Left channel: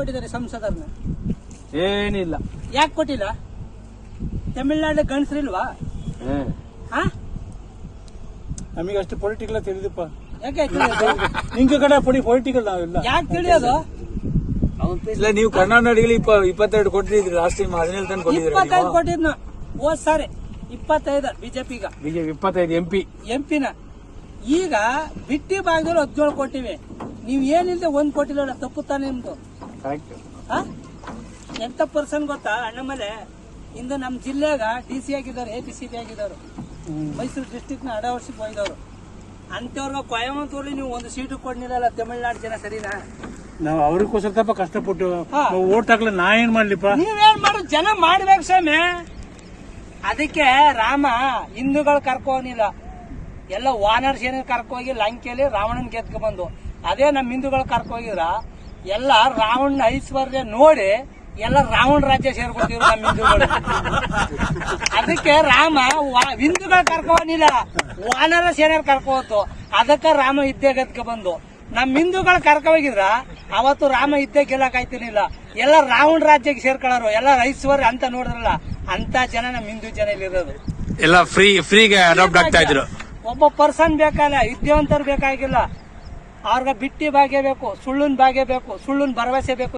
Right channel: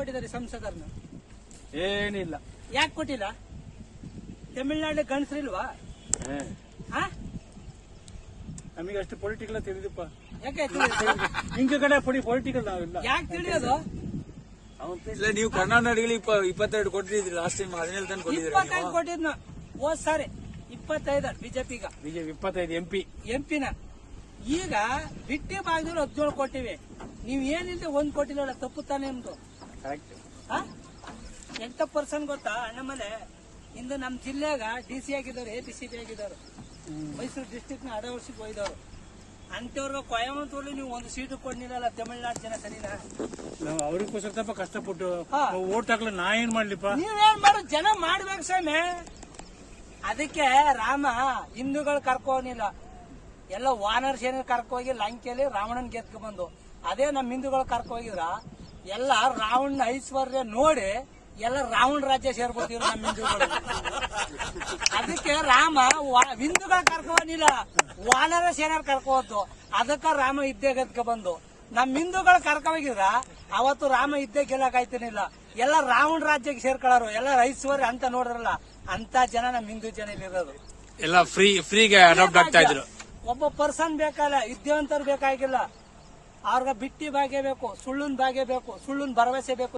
ಕೊಟ್ಟಿದ್ದಾರೆ ಸಂಸದರನ್ನ? ಏನಿಲ್ಲ. ಯಾಕೆ ಕೊಟ್ಟಿಲ್ಲ? ತಮಿಳ್ನಾಡು ಗಂಡಸ್ರಿಲ್ವಾ? ನಮಗೆ ಅಷ್ಟು ಪೊಲಿಟಿಕಲ್ ತಿಳಿದಪ್ಪ. ಯಾಕೆ ತಿಳಿಯೋದು? ನಿಂಗೆ ಕಡೆ ಪೊಲಿಟಿಕಲ್ ನಾವಿಲ್ಲ. ಯಾಕೆ ತಿಳಿಯೋದು? ಇಲ್ಲ, ನೀವು ಕರ್ನಾಟಕದಲ್ಲಿ 22 ಕೊಟ್ಟಿದ್ರಿ, ಲಾಸ್ಟ್ ಟೈಮ್ 17 ತನಕ ಕೊಟ್ಟಿದ್ರಿ. 25 ಕೊಟ್ಟಿದ್ನ ಹೋದ್ ಸಾರಿ, 25 ಬಿಜೆಪಿಗ. ಬಿಜೆಪಿ 25 ಎಂಪಿನ. ಈಗ ಬಿಟ್ಟಿ ಭಾಗದಲ್ಲಿ 17 ಕೊಟ್ಟಿವಿ. ನೀವ್ ಏನಿಲ್ಲದೆ 1 ಕೊಟ್ಟಿಲ್ಲ, ತಪ್ಪು ತಾನೆ ನಿಮ್ದು. ಎಂತ ಪರ್ಸನ್ ಗೊತ್ತಾ ಅಣ್ಣಮಲೆ? ಇಂದು ನಮ್ ಜಿಲ್ಲೆಗ DC ಆಗಿದ್ದವ್ರು, APCP ಆಗಿದ್ದವ್ರು, ಮೈಸೂರು ಡಿಸ್ಟಿಕ್ ನ ಅಡವರ್ಸಿಗೆ ಹೋಯ್ದವ್ರು. ಅಂತವ್ರಿಗೆ ಕೊಯಮತ್ತೂರಲ್ಲಿ ನೀವು 1 ಸೀಟು ಕೊಡ್ನಿಲ್ಲ. ತಮಿಳ್ನಾಡು ಜನ ಸರಿನಾ? ನಾವು ಅವ್ರಿಗೋಸ್ಕರ ಸ್ವಲ್ಪ ಕಷ್ಟಪಟ್ಟು ಓಟ್ ಹಾಕ್ಲ, ನಾ ಏನ್ ಮಾಡ್ಲಿಪ್ಪ? ನೀವೇನ್ ಮಾಡು, ಜನ ಮಾಡ್ಬೇಕು ಸ್ವಾಮಿ. ಅದಕ್ಕೆ ರಾಮ ಹಿಂದೂಗಳು ಕರ್ಕೋನಿಲ್ಲ, ಎಲ್ಲ ವಾನರ್ ಸೇನೆ ಕರ್ಕೋಗಿ ಲಂಕೆಯಲ್ಲಿ ರಾವಣನ್ ಗೆದ್ಕ ಬಂದು. ಅದೇ ನಮ್ ಹಿಂದೂಗಳು ಕರ್ಕೋಗಿದ್ರ ಎಲ್ಲ ರಾವಣನ ಐಶ್ವರ್ಯ ನೋಡಿ ಎಲ್ಲ ರಾವಣ ರಾಜ್ಯ ಸೇರ್ಕೊತಿದ್ರು ನಮ್ಮ ಹಿಂದೂಗಳು. ಅದಕ್ಕೆ ರಾಮ ಹಿಂದೂಗಳು ಕರ್ಕೋನಿಲ್ಲ, ವಾನರ ಸೇನೆ ಕರ್ಕೋತು. ಅದಕ್ಕೆ ರಾಮ ಇದ್ದೇ ಗೆದ್ಕ ಬಂದು. ನಮ್ ಹಿಂದೂಗಳು ಕರ್ಕೋಗಿದ್ರ ಅವತ್ತು ರಾಮ ಇದ್ದೇ ಗೆಲ್ಲಕಾಯ್ತಿರ್ಲಿಲ್ಲ. ಎಲ್ಲ ರಾವಣ ರಾಜ್ಯಕ್ಕೆ ಸೇರ್ಕೊಳ್ಳೋರು, ಎಲ್ಲ ಐಶ್ವರ್ಯ ಅಂತ ನೋಡಿದ್ರಲ್ಲ, ಅಂತ ಜನ ನಮ್ ಹಿಂದೂ ಜನ ಇಲ್ಲಿರೋದು. ಎಲ್ಲ ಫ್ರೀಗೆ ಅಡಾಪ್ಟ್ ಆಗ್ತಾ ಇದ್ರು. ಒಬ್ಬ ಪರ್ಸನ್ ಬೇಕಲ್ಲ, ವಿದ್ಯಾವಂತರು ಬೇಕಾಗಿಲ್ಲ. ಅವ್ರಿಗೆ ಬಿಟ್ಟಿ ಭಾಗ್ಯ ಬೇಕು, ಸುಳ್ಳಿನ ಭಾಗ್ಯ ಬೇಕು, ಸುಳ್ಳಿನ ಭರವಸೆ ಬೇಕು.